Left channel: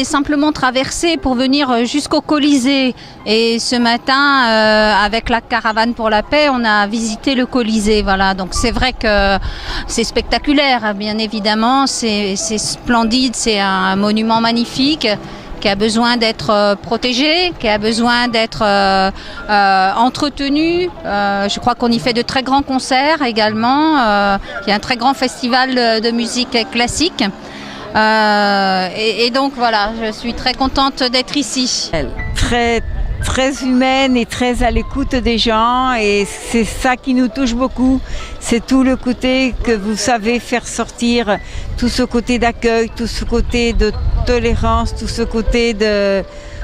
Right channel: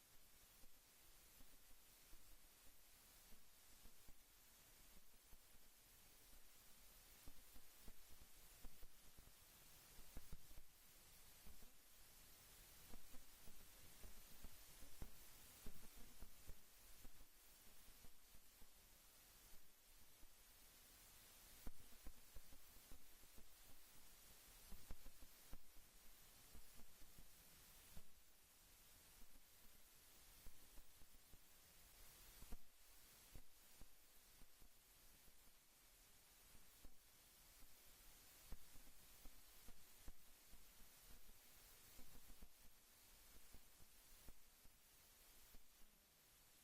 voulait simplement traverser pour venir jusqu'au Colisée. Et ce matin, avec la caravane pour la paix, on a visité le Colisée. Voilà. Donc c'est vrai que c'est spectaculaire, bien évidemment. C'est splendide, c'est un monument magnifique qui a besoin d'être protégé, qui a besoin d'être entretenu. Je crois qu'on y fait de très grands concerts également. Il y a un très grand festival de musique classique. Et donc voilà, je suis très contente d'être ici. Très humaine et très à l'écoute des gens, et c'est ça qui nous touche beaucoup. C'est tout le côté que vous savez faire sortir, tout ce côté d'accueil, tout ce côté de tolérance, tout ce côté de...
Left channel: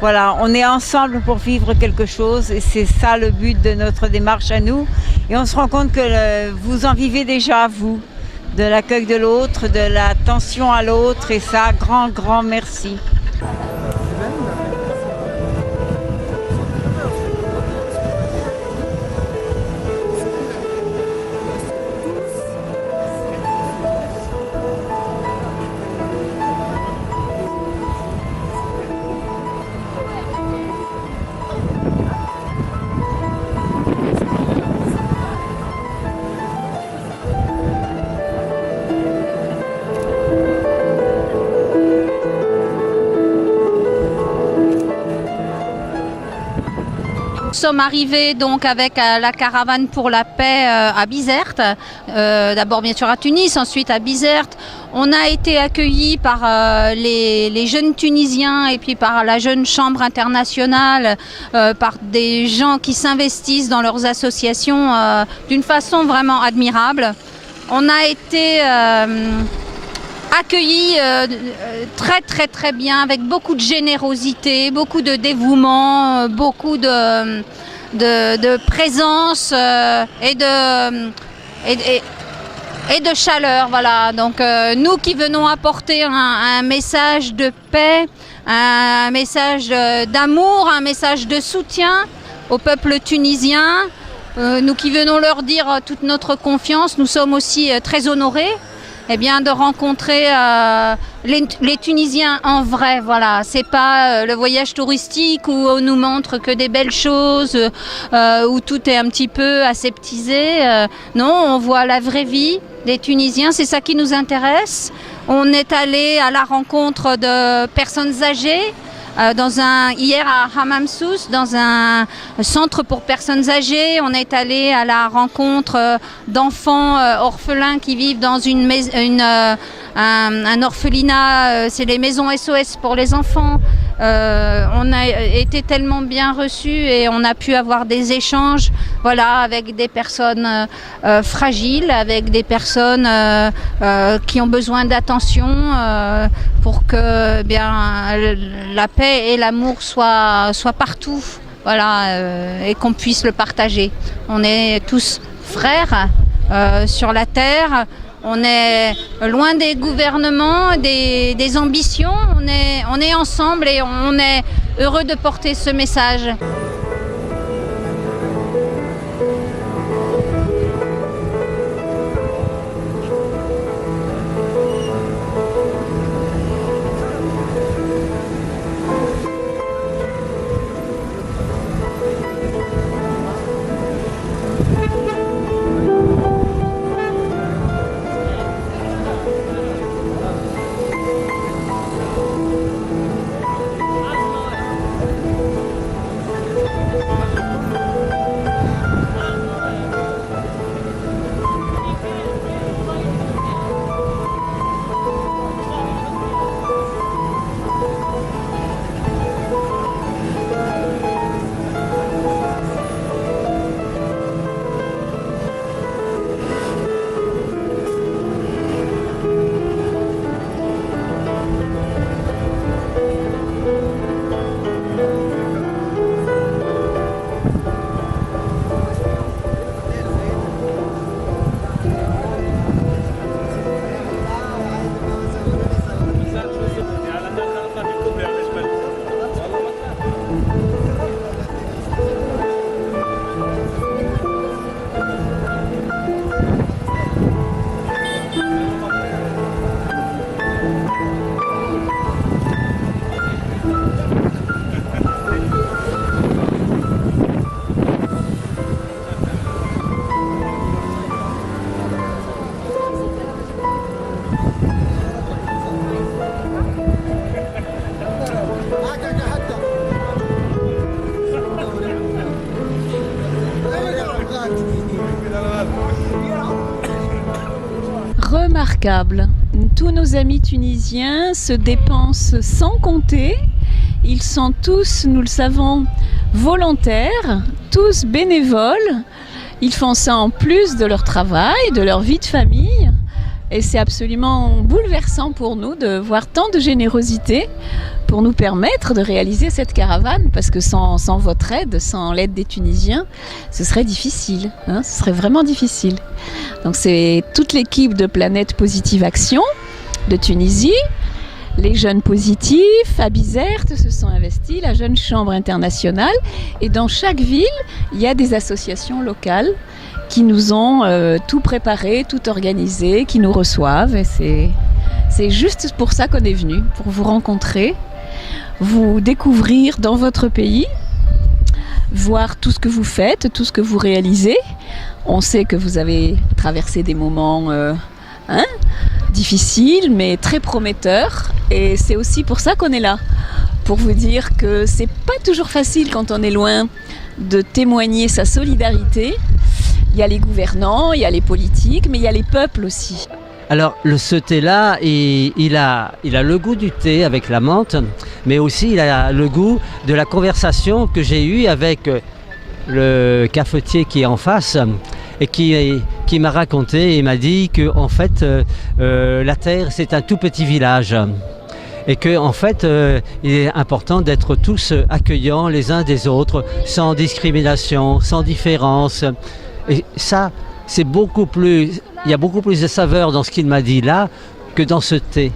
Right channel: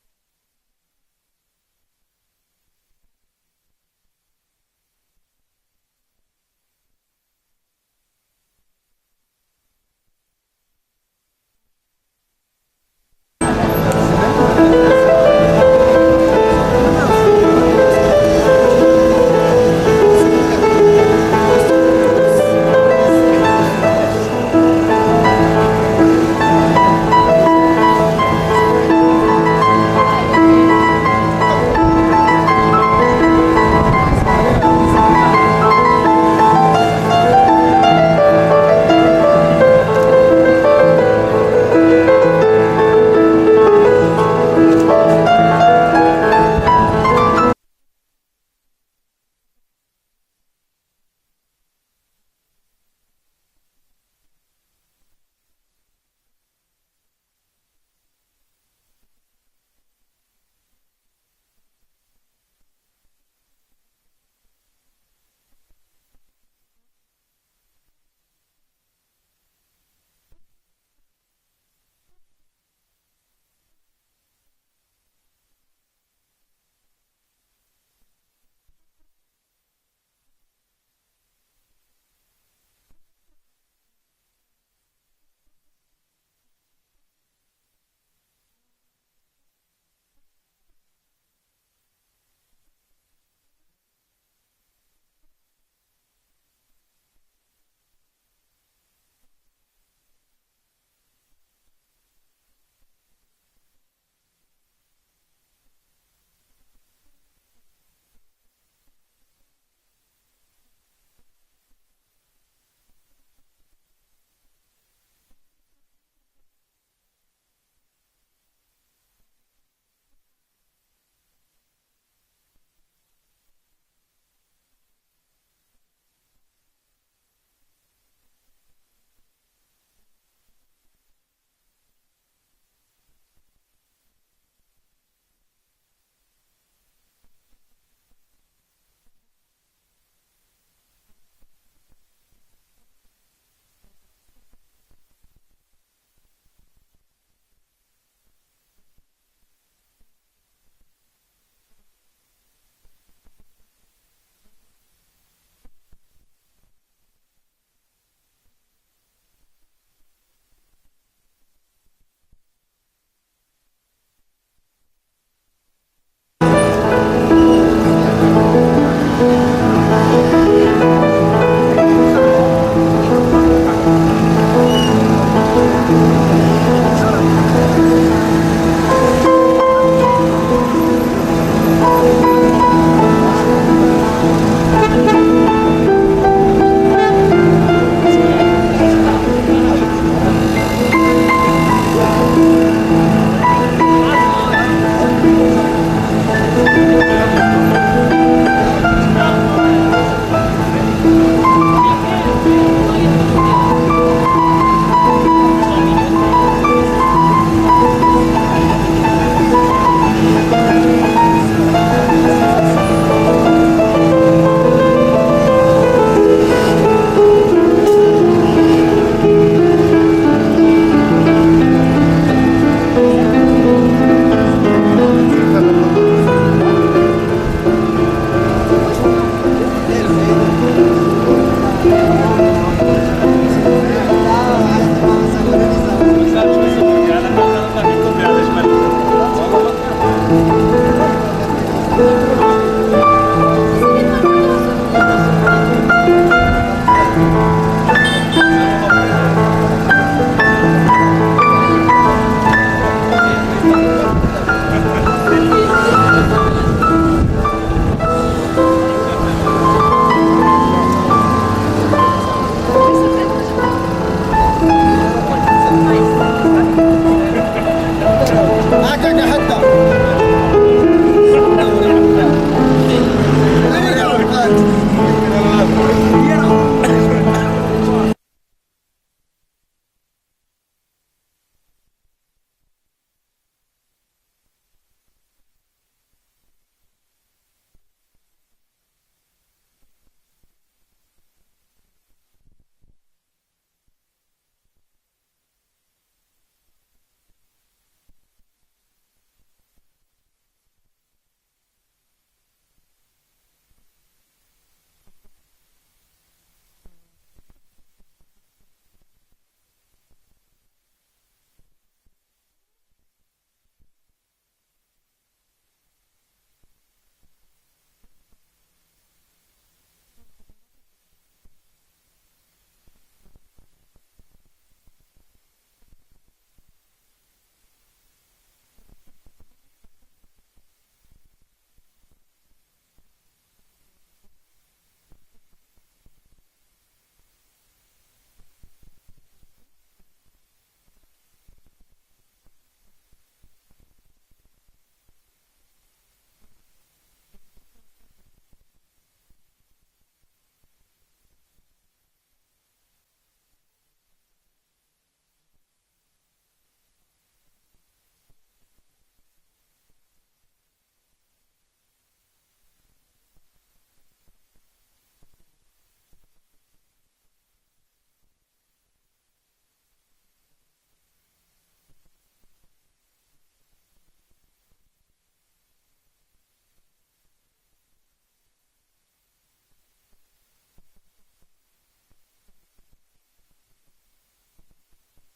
Voilà, on est ensemble pour vivre quelque chose, et c'est ça le but de notre démarche à nous. Et on se rend compte que vous en vivez déjà, vous, de l'accueil de l'autre, de l'attention à l'autre, et ça, grand merci. Nous sommes arrivés donc avec la caravane pour la paix à Bizerte, d'abord bien sûr à Tunis, ensuite à Bizerte. On a été accueillis par les jeunes Tunisiens et puis par la jeune chambre internationale, par des gens qui s'investissent dans leurs associations d'une façon vraiment admirable. On a été accueillis très bien, avec beaucoup de générosité, beaucoup de dévouement, beaucoup de présence et de chaleur. Voilà. Donc nous qui venons apporter un message de paix, un message d'amour, un message de soutien au peuple tunisien, nous qui venons leur dire toute notre confiance, nous sommes aussi très honorés de rencontrer les Tunisiens en vrai. Voilà. C'est pas le voyage touristique où on nous montre que des belles choses, où tout est un petit peu aseptisé. Non, on voit la vraie vie des Tunisiens, c'est ça qui nous intéresse. On est allé à la rencontre de personnes âgées, hier à Hamamsous, dans un centre pour personnes âgées. On est allé à la rencontre d'enfants orphelins qui vivent dans un orphelinat, c'est les maisons SOS pour les enfants. On a été tellement bien reçus et on a pu avoir des échanges, voilà, avec des personnes fragiles, avec des personnes qui ont besoin d'attention pour que la paix et l'amour soient partout, voilà, et qu'on puisse le partager. On est tous frères sur la terre. On est loin des gouvernements, des ambitions. On est ensemble et on est heureux de porter ce message. remarquable. Tous nos amis tunisiens se dépensent sans compter. Ils sont tous, nous le savons, volontaires, tous bénévoles. Ils font ça en plus de leur travail, de leur vie de famille. Et c'est absolument bouleversant pour nous de voir tant de générosité pour nous permettre de réaliser cette caravane, parce que sans votre aide, sans l'aide des Tunisiens, ce serait difficile, ce serait vraiment difficile. Donc c'est toute l'équipe de Planète Positive Action de Tunisie, les jeunes positifs, à Bizerte se sont investis, la Jeune Chambre internationale, et dans chaque ville, il y a des associations locales qui nous ont tout préparé, tout organisé, qui nous reçoivent, et c'est juste pour ça qu'on est venu, pour vous rencontrer, vous découvrir dans votre pays, voir tout ce que vous faites, tout ce que vous réalisez. On sait que vous avez traversé des moments difficiles, mais très prometteurs. Et c'est aussi pour ça qu'on est là, pour vous dire que c'est pas toujours facile quand on est loin de témoigner sa solidarité. Il y a les gouvernants, il y a les politiques, mais il y a les peuples aussi. Alors ce thé-là, il a le goût du thé avec la menthe, mais aussi il a le goût de la conversation que j'ai eue avec le cafetier qui est en face et qui m'a raconté et m'a dit que en fait la terre c'est un tout petit village et que en fait il est important d'être tous accueillants les uns des autres, sans discrimination, sans différence. Et ça, c'est beaucoup plus, il y a beaucoup plus de saveur dans ce qu'il m'a dit là que dans ce thé.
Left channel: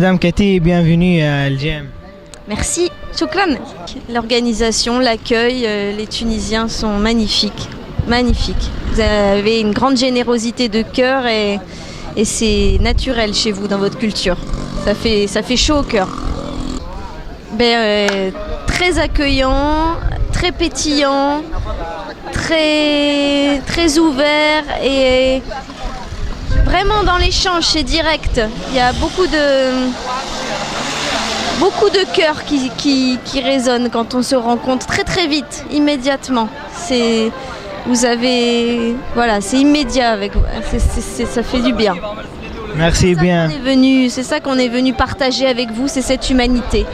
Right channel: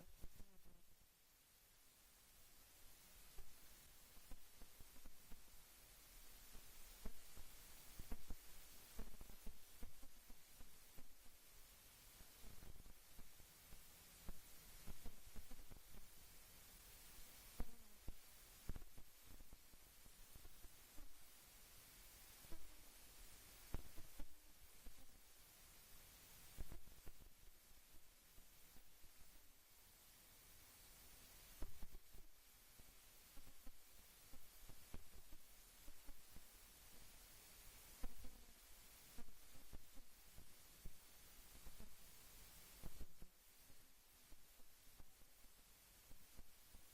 Madame Cathy, bienvenue à LGM. Merci, Choukran. L'organisation, l'accueil, les Tunisiens sont magnifiques, magnifiques. Vous avez une grande générosité de cœur et c'est naturel chez vous, dans votre culture. Ça fait chaud au cœur. Très accueillant, très pétillant, très ouvert et vraiment dans l'échange, c'est direct. Il y a beaucoup de cœur qui résonne quand on se rencontre très vite, immédiatement. C'est immédiat avec vous. Ça fait du bien. Merci bien. C'est ça qu'on est venu partager avec vous, c'est cette humanité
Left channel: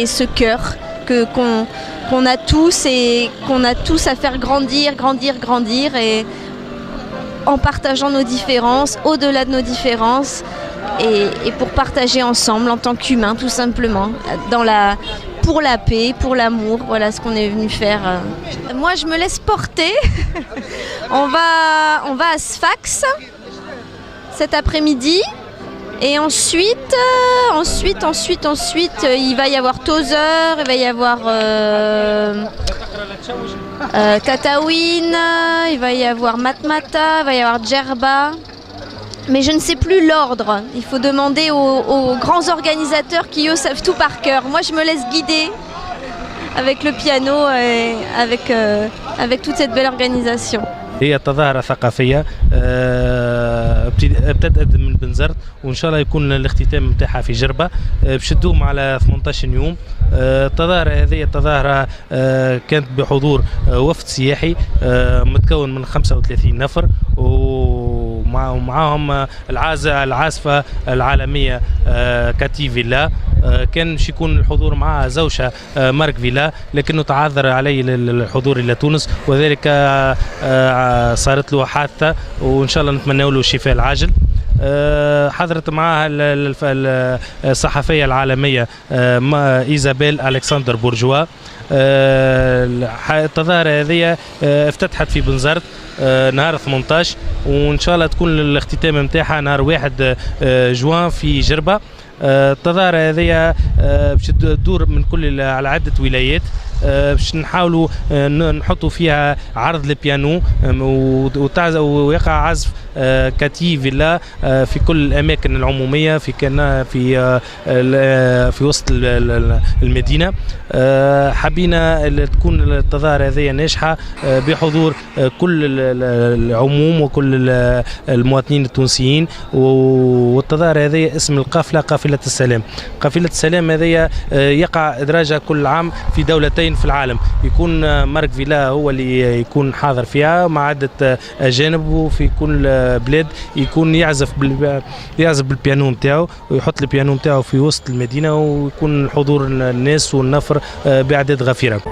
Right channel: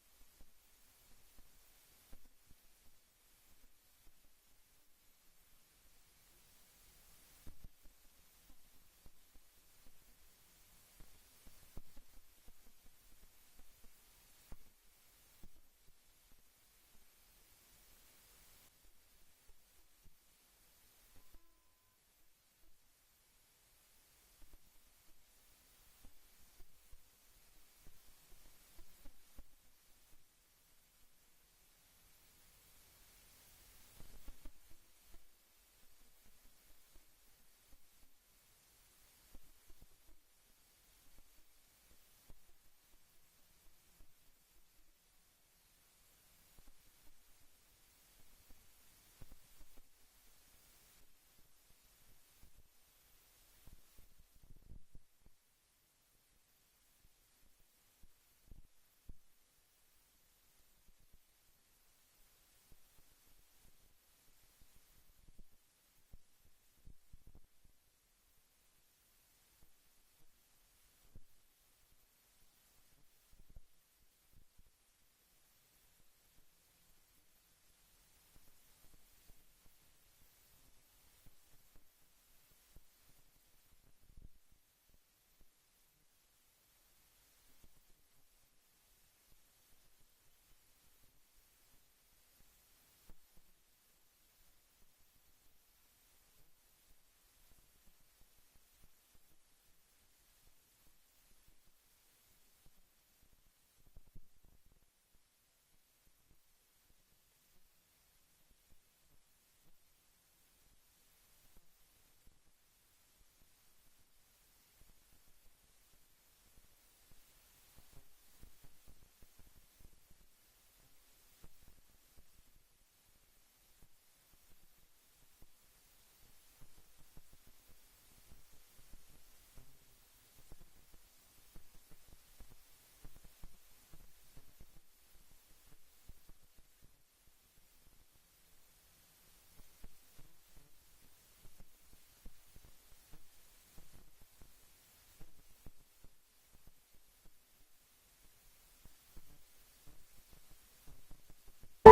et ce cœur qu'on a tous et qu'on a tous à faire grandir et en partageant nos différences, au-delà de nos différences, et pour partager ensemble en tant qu'humains, tout simplement, pour la paix, pour l'amour, voilà ce qu'on est venu faire. Moi, je me laisse porter. On va à Sfax cet après-midi, et ensuite, il va y avoir Tozeur, il va y avoir Tataouine, il va y avoir Matmata, il va y avoir Djerba. Mais je ne sais plus l'ordre. Il faut demander aux grands organisateurs qui, eux, savent tout par cœur. Moi, je me laisse guider avec le piano et avec toute cette belle organisation. هي تظاهرة ثقافية ابتدأت من بنزرت، وإن شاء الله يكون الاختتام متاعها في جربة باش تدوم على 18 يوم. التظاهرة هذه تظاهرة كانت بحضور وفد سياحي متكون من 35 نفر، ومعهم العازفة العالمية كاتي فيلا. كان باش يكون الحضور معها زوجها مارك فيلا، لكنه تعذر عليه الحضور الى تونس، وذلك صارت له حادثه، وان شاء الله نتمنى له الشفاء العاجل. حضرت معها الصحفيه العالميه ايزابيل الكسندر بورجوا. التظاهره هذه افتتحت في بنزرت نهار 18، وان شاء الله تكون الاختتام نتاعها نهار 1 جوان في جربه. التظاهرة هذه باش تدور من كل على عدة ولايات، باش نحاولوا نحطوا فيها عرض البيانو ويقع عزف كاتي فيلا في كل الأماكن العمومية في وسط المدينة. حبينا تكون التظاهرة هذه ناجحة بحضور كل العموم وكل المواطنين التونسيين. والتظاهرة هذه اسم القافلة قافلة السلام. قافلة السلام هذه يقع إدراجها كل عام في دولتين في العالم، يكون مارك فيلا هو اللي يكون حاضر فيها مع عدة أجانب، وفي كل بلاد يكون يعزف بالبيانو نتاعو، ويحط البيانو نتاعو في وسط المدينة، ويكون حضور الناس والنفر بأعداد غفيرة.